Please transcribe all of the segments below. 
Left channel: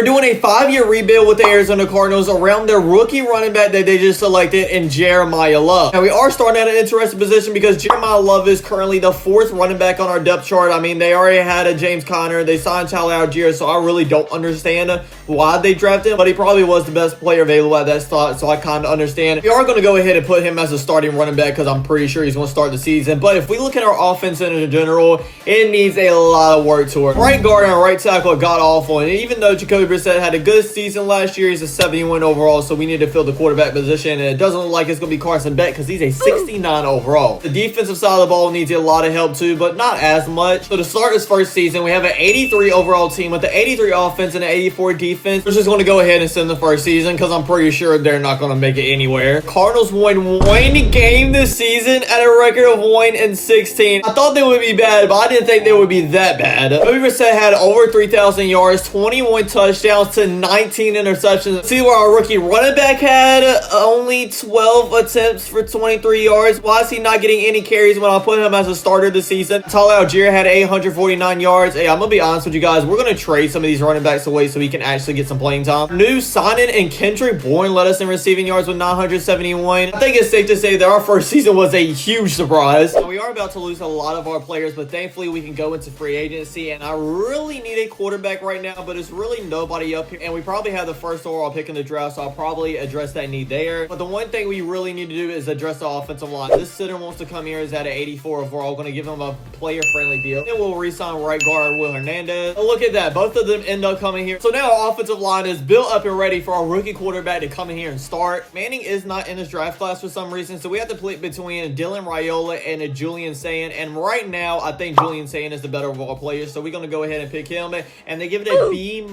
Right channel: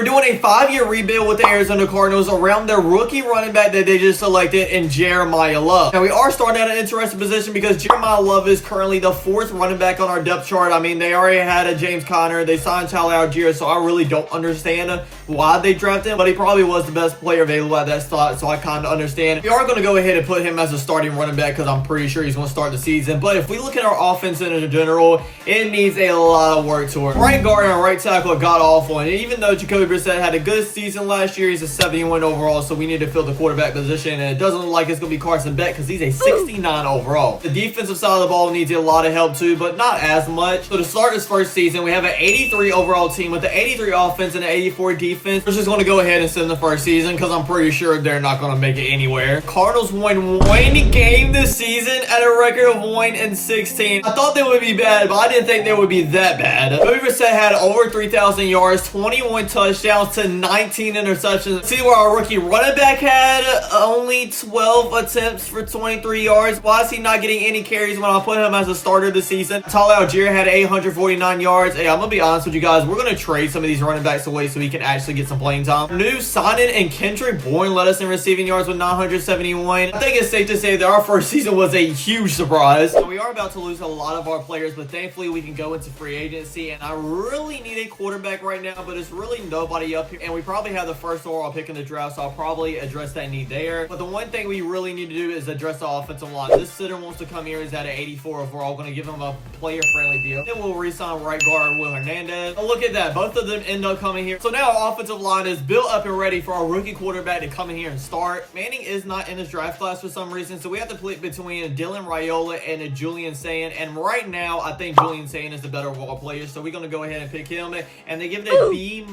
we're doing a 5-year rebuild with the Arizona Cardinals around their rookie running back that they just selected in Jeremiah Love. Now, we are starting at an interesting position because Jeremiah Love is currently the 4th running back on our depth chart. I mean, they already had a James Conner. They signed Tyler Algier, so I really don't understand why they drafted him, but he probably was the best player available at that spot, so I kind of understand. We are going to go ahead and put him as a starting running back because I'm pretty sure he's going to start the season. But if we look at our offense in general, it needs a lot of work to it. Right guard and right tackle got awful, and even though Jacoby Brissett had a good season last year, he's a 71 overall, so we need to fill the quarterback position, and it doesn't look like it's going to be Carson Beck because he's a 69 overall. The defensive side of the ball needs a lot of help too, but not as much. So to start this first season, we have an 83 overall team with the 83 offense and an 84 defense. We're just going to go ahead and send the first season because I'm pretty sure they're not going to make it anywhere. Cardinals won one game this season at a record of 1-16. I thought they would be bad, but I didn't think they would be that bad. Jacoby Brissett had over 3,000 yards, 21 touchdowns to 19 interceptions. See where our rookie running back had only 12 attempts for 23 yards. Why is he not getting any carries when I put him as a starter this season? Tyler Algier had 849 yards. Hey, I'm going to be honest with you guys. We're going to trade some of these running backs away so we can actually get some playing time. New signing and Kendrick Bourne led us in receiving yards with 971. I think it's safe to say that our first season was a huge surprise. We are about to lose a lot of our players, but thankfully we can go into free agency, and I really need a quarterback right now, but it's really nobody up here, and we probably have the first overall pick in the draft, so I'll probably address that need there. But the one thing we really need to do is address the offensive line. This center wants to come here is at an 84 overall. Going to give him a player-friendly deal. Then we'll re-sign right guard Will Hernandez. Oh, look at that. Both of them end up coming here. So now our offensive line is built up and ready for our rookie quarterback to come in here and start. Manning is not in this draft class for some reason, so we have to pick between Dylan Raiola and Julian Sayin. And right now, I think Julian Sayin is the better of all players, so we're going to go ahead and pick him. And they give it a B-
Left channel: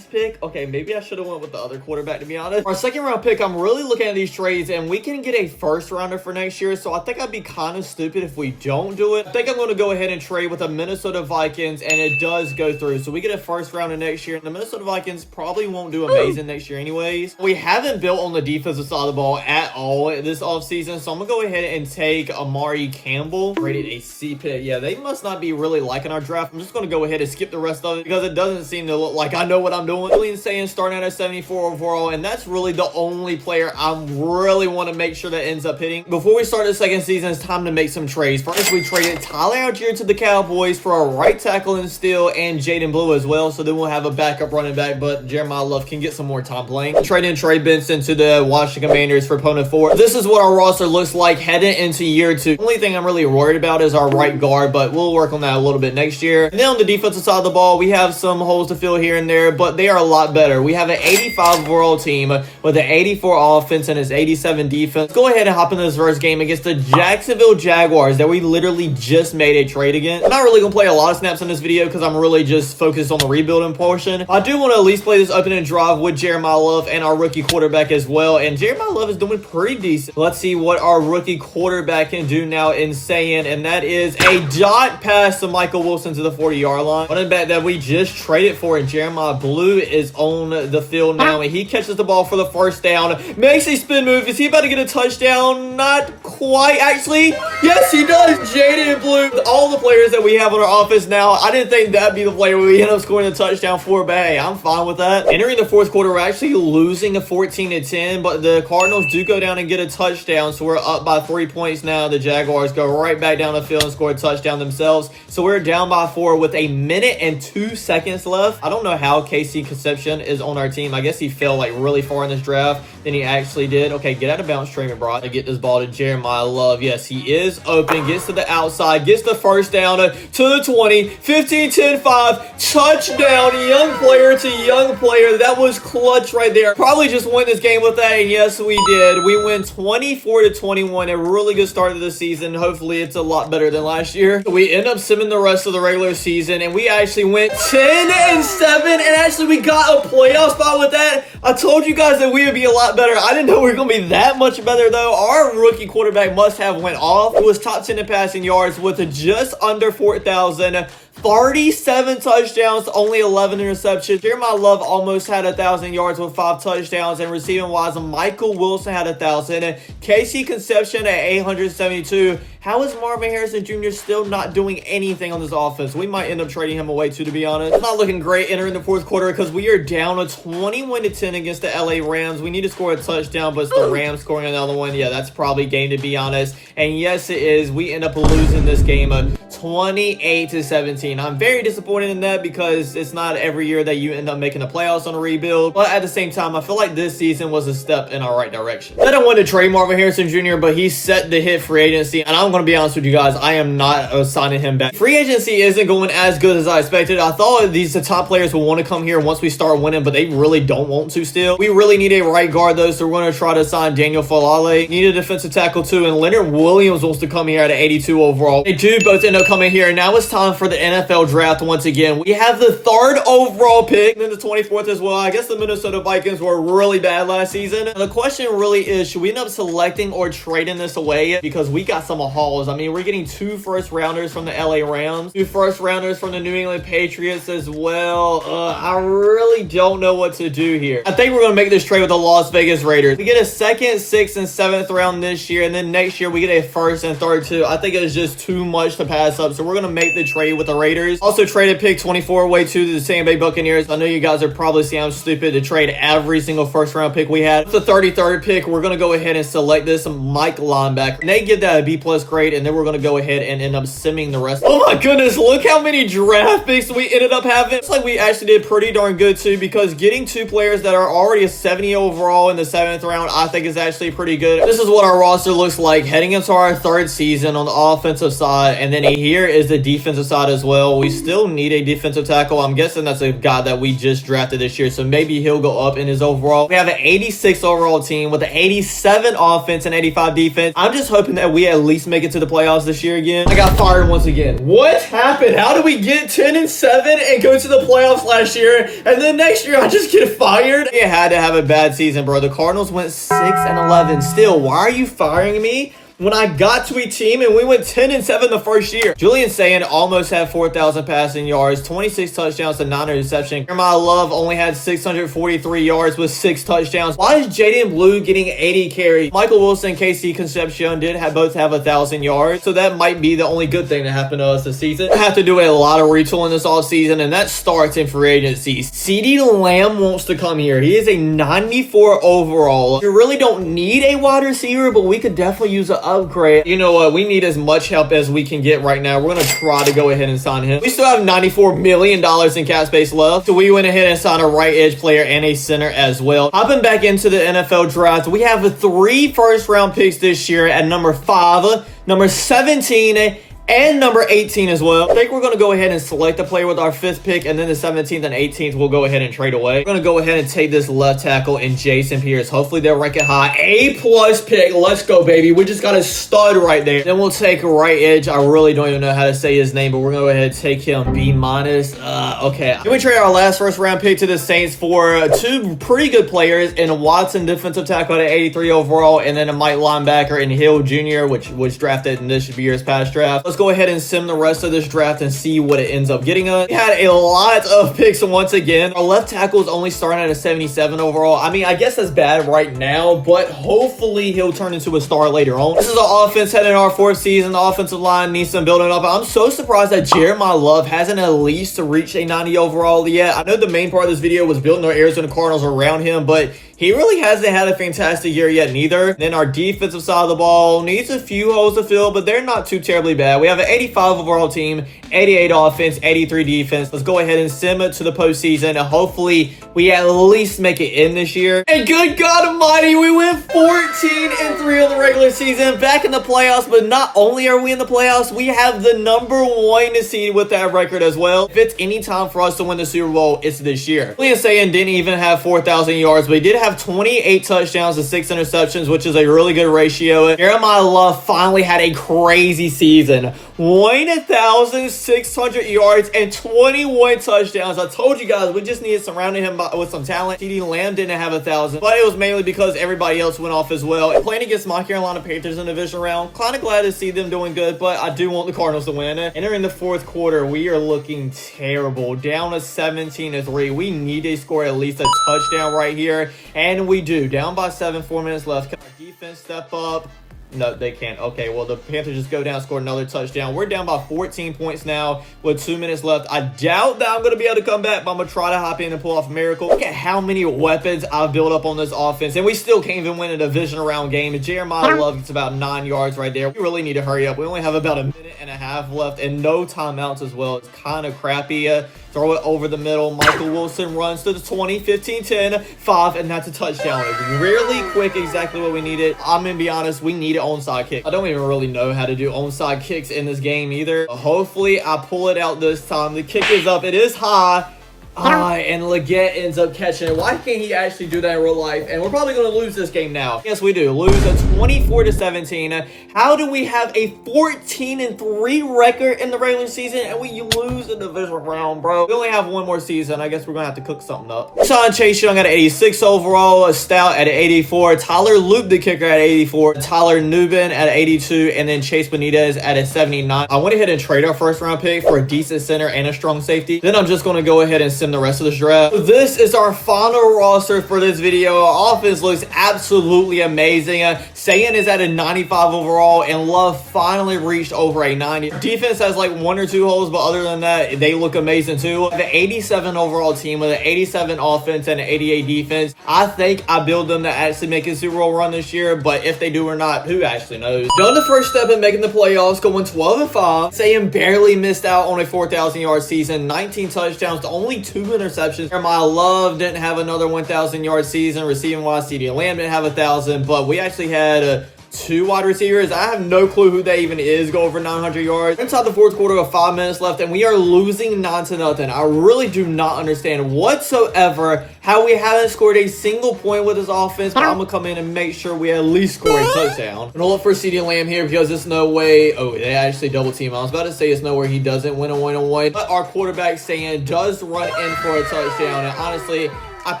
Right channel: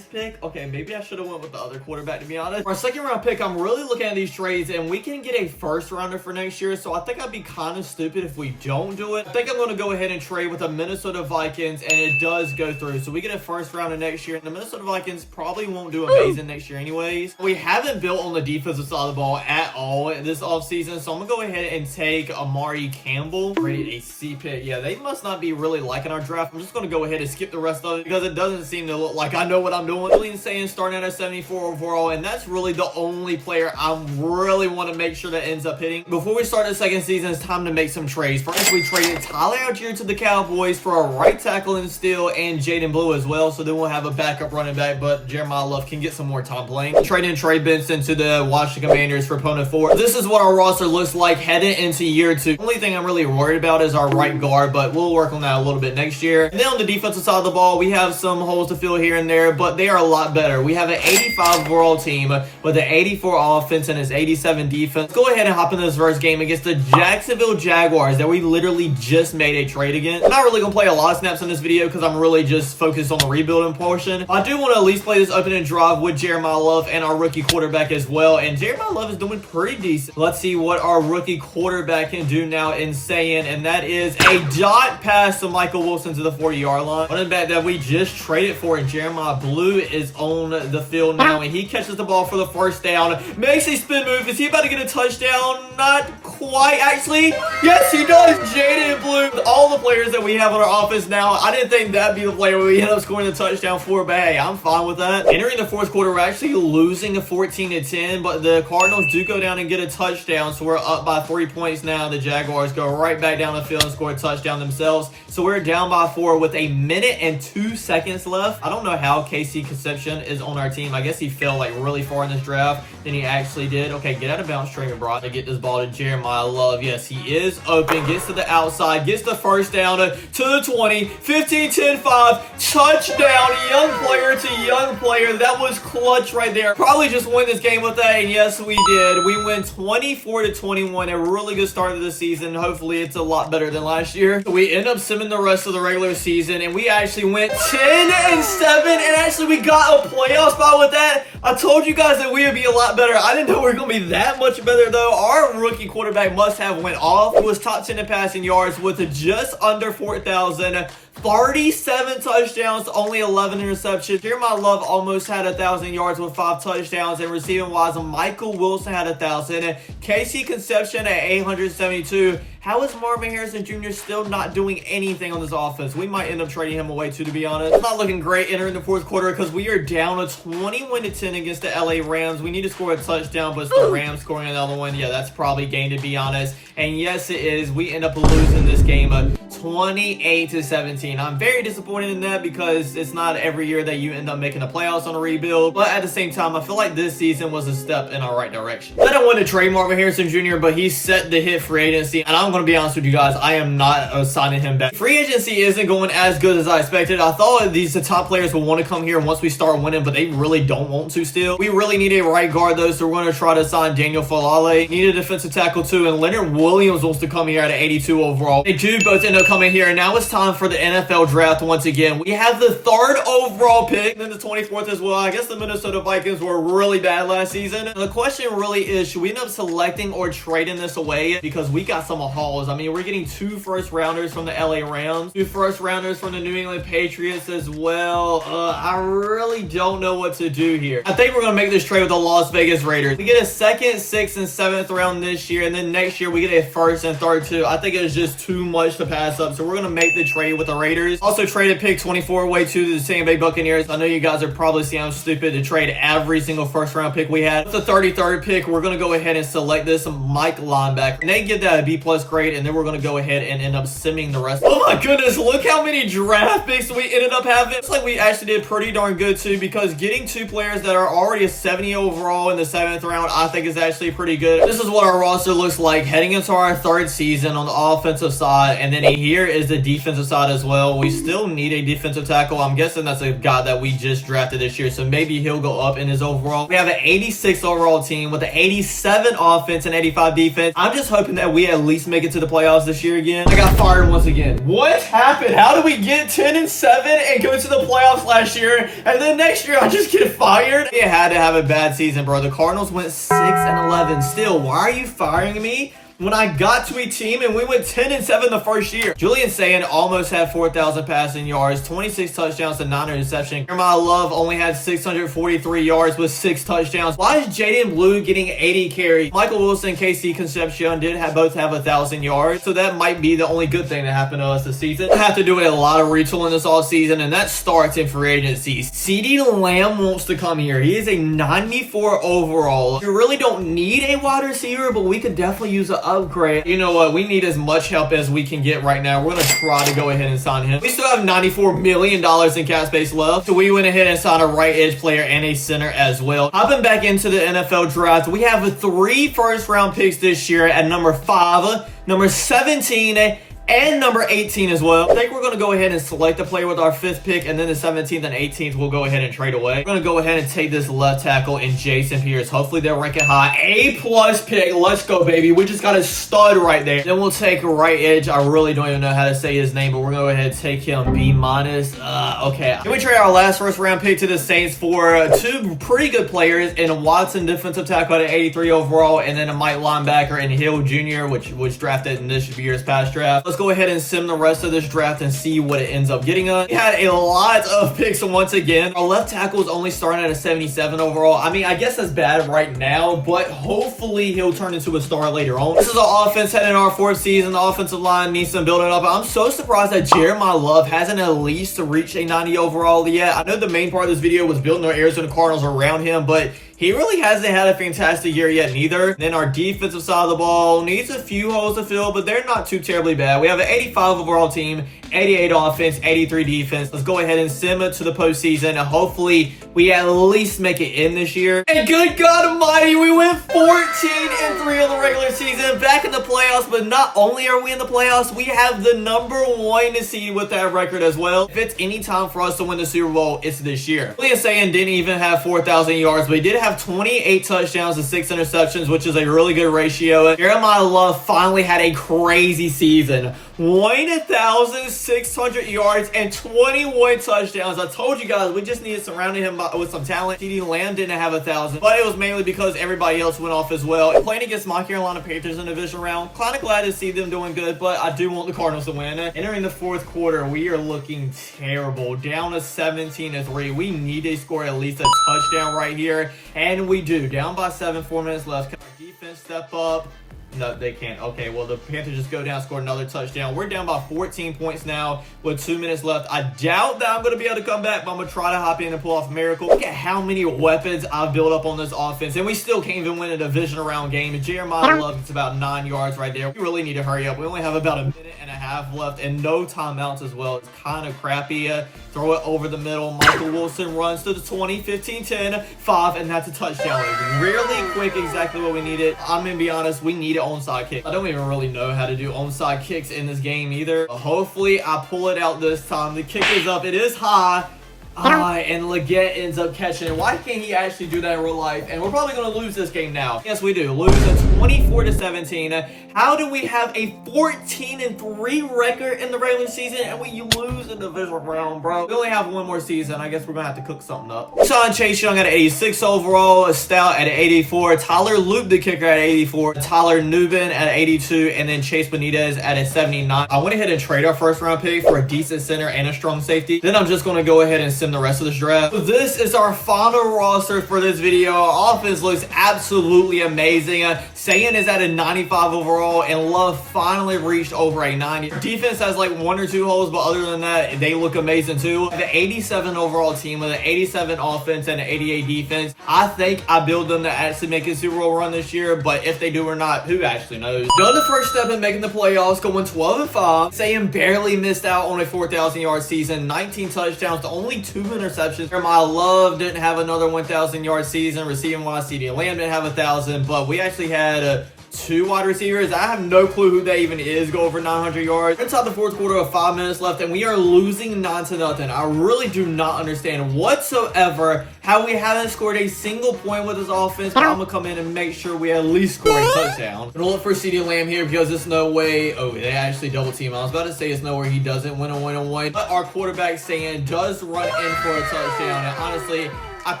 pick. Okay, maybe I should have went with the other quarterback, to be honest. Our second round pick, I'm really looking at these trades, and we can get a first rounder for next year, so I think I'd be kind of stupid if we don't do it. I think I'm going to go ahead and trade with the Minnesota Vikings, and it does go through. So we get a first rounder next year. The Minnesota Vikings probably won't do amazing next year anyways. We haven't built on the defensive side of the ball at all this offseason, so I'm going to go ahead and take Amari Campbell. Rated a C pick. Yeah, they must not be really liking our draft. I'm just going to go ahead and skip the rest of it because it doesn't seem to look like I know what I'm doing. Julian Sayin starting at a 74 overall, and that's really the only player I really want to make sure that ends up hitting. Before we start the second season, it's time to make some trades. First, we traded Tyler Algier to the Cowboys for a right tackle in Steele and Jaden Blue as well, so then we'll have a backup running back, but Jeremiah Love can get some more time playing. Trading Trey Benson to the Washington Commanders for Pona 4. This is what our roster looks like heading into year 2. The only thing I'm really worried about is our right guard, but we'll work on that a little bit next year. And then on the defensive side of the ball, we have some holes to fill here and there, but they are a lot better. We have an 85 overall team with an 84 offense and his 87 defense. Go ahead and hop into this first game against the Jacksonville Jaguars that we literally just made a trade against. I'm not really going to play a lot of snaps in this video because I'm really just focused on the rebuilding portion. I do want to at least play this opening drive with Jeremiah Love and our rookie quarterback as well, and Jeremiah Love is doing pretty decent. Let's see what our rookie quarterback can do now in Sayin, and that is a dot pass to Michael Wilson to the 40-yard line. Running back that we just traded for, and Jeremiah Blue is on the field now, and he catches the ball for the first down. Makes a spin move. Is he about to get a touchdown? Not quite, actually. Yes, he does. Jaden Blue. All the players that we have on our offense now, I didn't think that'd be the player we end up scoring a touchdown for, but hey, I'm fine with that. Entering the fourth quarter, we're actually losing a 14-10, but the Cardinals do go down and get a touchdown, so we're up by 3 points now. The Jaguars go right back down the field and score a touchdown themselves, so we're down by 4 with a minute and 2 seconds left. I don't know how Casey Concepcion is on our team. I guess he fell like really far in this draft than he actually did. Okay, get out of bounds, Trayman Brock. To get this ball to Jeremiah Love. Yes, he is open. Gets to the outside. Gets the first down to the 20. 15, 10, 5. Touchdown. Young player to young player. That was clutch right there. Probably just win this game with that, and yes, we did. We win 24-21. A really good start to the season. Hopefully, it's a lot better than last year. We end up simming the rest of the regular season, and we actually went 10-7, and actually we got a playoff spot with that. I told you guys that we would be a lot better. I didn't know we were going to be that much better, though. Our rookie quarterback must have went off. It was top 10 in passing yards with just under 4,000 37 touchdowns, only 11 interceptions. Jeremiah Love almost had 1,000 yards with 5 touchdowns. And receiving wise, Michael Wilson had 1,000. And Casey Conception at 872. How is Marvin Harrison Jr. still not doing anything on this offense? We might end up trading him away too, to be honest. It's not looking great entering the fourth quarter because we are down a 21-10 against the LA Rams. We need to score a touchdown, but it's the Rams scoring another one. Yeah, that's probably game, to be honest. And yes, it is. We end up losing this game 28-17. I'm very disappointed in that because it's not every year that you end up making the playoffs on a rebuild. But at the same time, I feel like this season was a step in our right direction. I don't want to trade Marvin Harrison Jr., but he's set to hit free agency, and I'm going to be honest with you guys, I am not signing him back. Free agency isn't going as good as I expected. I thought the top players will want to come here once we start winning, but they really don't want to still. We really need a right guard though, so we're going to try to sign Daniel Falale. Need a defensive tackle too, and Leonard Williams wants to come here at an 82 overall. They do both end up coming here, and now it's time for the NFL draft once again. We have the 3rd overall pick, and then the 24th as well. I guess the Minnesota Vikings were really bad last season. The question really is, should we end up selecting or trading this away? Because we got some hauls. I mean, we're getting 2 first-rounders from the LA Rams, 2 first-rounders from the New England Patriots as well. I really don't know what to do here. I think we're going to make this trade with the Las Vegas Raiders. We get a 2nd, 6th, and 7th round this year, and then next year we get a 1st and 3rd too. I think it is just too much to pass up, so we're going to make the trade with the Raiders. Also traded pick 24 away to the Tampa Bay Buccaneers. I know you guys are probably saying I'm stupid to trade every single first-round pick we had. With the 33rd pick, we're going to go ahead and select this Mike linebacker. And they give that a B+ grade, and then we're going to go ahead and end up simming the rest. Oh my goodness, look how many draft picks we ended up having. It's like we actually did pretty darn good too, because getting 2 players that are already a 70 overall in the 7th round, I think is actually pretty good. This is what our roster looks like heading into our 3rd season on the offensive side, and then here is the defensive side as well. We still need a defensive tackle. I'm guessing that's a guy that we just drafted this year, so maybe he'll go up in his overall. We have an 86 overall team with an 87 offense and 85 defense. I'm just hoping that we at least make it to the playoffs this year again. I got fired once again. What happened? How did we get 10-7 and go to the playoffs last year, and then next year I just get fired? You had to have a bad season, bro. The Cardinals went 6-11. Still, why are you firing me when I got to a team and we went 10-7 the first year? Julian Sayin almost had 4,000 passing yards, 26 touchdowns to 9 interceptions. Jeremiah Love only had 643 yards with 6 touchdowns. Why is Jaden Blue getting 80 carries? Michael Wilson and Casey Concepcion did both have 1,000 yards, so that might be the only good thing that happened to us this season. We have to do a lot of retooling this offseason, and that starts in free agency. CeeDee Lamb wants to come here. He is a 94 overall. You really don't need a wide receiver, but we could definitely use an upgrade. You know what? We need as much help as we can get right now. We're going to try to go ahead and sign him. We still have $94 million in cap space left, so we went ahead and signed a right edge player and a center as well. Hopping back into the NFL draft, we have 3 first-round picks this year at number 5, number 17, and number 18 as well. I think we're going to go ahead and select a player with our 5th pick, and then the 17th and 18th we'll go ahead and trade away. We're going to go ahead and take this left tackle in Jason Pierce. Hopefully they'll rank it high. A+ pick. Let's go, baby. We just got a stud right there. Then we'll take a right edge. I really don't even know how to say his name, but we're going to go ahead and take him B-. Okay. Then we trade our last first-round pick to the Saints for 2 pretty good players, and Watson, defensive tackle at 83 overall, and then a Mike linebacker in Hill Jr., which was drafted in this year's past draft. Let's go ahead and sim the rest of this draft and see what it ends up getting us. We had a lot of picks once again. Our left tackle is only starting at a 77 overall. I mean, I guess that's bad right now, but hopefully he'll turn into a star later on. This is our offense heading in our 4th season. The offensive line needs some building up. I'm so surprised that Jeremiah Love hasn't at least reached a 90 overall yet. I know the main part of this video was building our Arizona Cardinals around him, but he really hasn't had a fantastic year yet neither. Then our defensive side of the ball needs a few holes to fill, but they're not too terribly bad. We have an 85 overall team, 88 offense, 83 defense. Let's go ahead and sim it to the postseason, and hopefully we at least make it in this year. And good God almighty, we went 14-3 in the regular season, back in the playoffs. But not only are we in the playoffs, we have the number 1 seed with that record as well. If it's any time for us to win the Super Bowl, it's this year. Julian Sayin didn't even have 4,000 yards, but he did have 28 touchdowns and 6 interceptions, which is a really good ratio. Jeremiah Love finally had a crazy season. 1,000 600 yards and 21 touchdowns. I told you guys, we just needed surrounding him with some talent. CeeDee Lamb didn't have 1,000, but it was mainly because everybody else went off as well. And playing against my Carolina Panthers in the division round, kind of glad to see them doing good, but I do want the Cardinals to win. Entering the fourth quarter, we are looking terrible. Down to 17-3. We need to score at least a touchdown right here, and we do. Down by 7, 4 minutes left. Can our defense step up? No, they can't. Okay, well, the Panthers just go down, score another touchdown. We're down by 14 points now with 2 minutes left. I doubt that I'm going to be able to come back, but I'm going to try to hop in and pull off a miracle. Look at how many weapons I've built up on this offense, and we still can't even win a division round game. Jeremiah Love gets about 9 yards right there. We really need to hurry up. We only have about a minute and a half left and no timeouts as well. It's kind of crappy. Throw it over the middle. Michael Wilson runs to the 20, 15, 10, 5, and that's a touchdown. It's really quick, exactly what we needed. I'm going to be honest, we need an onside kick. I don't even really know how to do onside kicks in this game either. Hopefully, I pull it out this time. The kick is up. It is high. And Leggett ends up catching it. Why can't he actually do that in real life? And we're probably going to lose this game now. Yes, we do. Lose a 24-17. How do we have a 14-3 record in the regular season and we lose in the division round, bro? We only have one more season. I guess we're going to have to cook something up. Sean Chase Young at 86 overall. Stout at 84. Tyler Luke, the kicker, at 84. Tyler Nubin at 82. And then Chase Benitez at a 79. I went ahead and trade our first round pick for a decent center and a strong safety. Then I'm just going to go ahead and send the rest of this draft. So this is our final roster for this video. Our offense looks absolutely amazing. Sayan is at a 95 overall, and Love finally reached over a 90. Defense has like 1 or 2 holes, but other than that, they look amazing too. The 87 overall team with an 87 offense and an 88 defense. I think I build them to actually make a Super Bowl run this year, but if they do or not, who actually knows? Done the first step in making the playoffs, going 12-5. Sayan barely missed out on a 4,000 yard season, 19 touchdowns to only 2 interceptions. My Love didn't have another 1,000 yard season. Receiving wise, CeeDee Lamb didn't have 1,000, but we actually had 2 wide receivers. I have no clue who that even is. Go over 900 yards. Inside the fourth quarter with 5 minutes left, and we are losing 9-0. I really do not understand whatsoever how we haven't scored a single point with this offense, but I'm going to come in and make sure we at least score a touchdown. I'm going to look for CeeDee Lamb here because there's no way. Oh, they actually double team. I was about to say it's nowhere he doesn't win a one-on-one, but our quarterback saying does run in for a touchdown, and honestly, I'd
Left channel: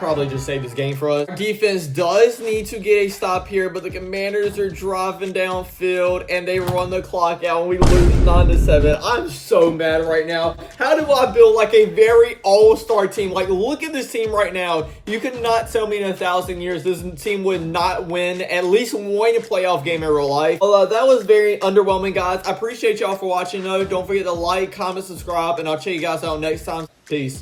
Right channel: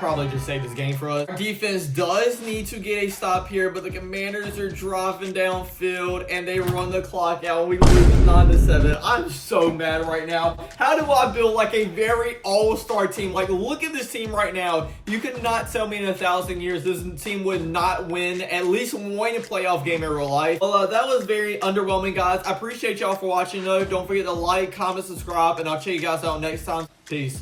probably just save this game for us. Our defense does need to get a stop here, but the Commanders are driving downfield and they run the clock out and we lose 9-7. I'm so mad right now. How do I build like a very all-star team? Like, look at this team right now. You could not tell me in 1,000 years this team would not win at least one playoff game in real life. Well, that was very underwhelming, guys. I appreciate y'all for watching, though. Don't forget to like, comment, subscribe, and I'll check you guys out next time. Peace.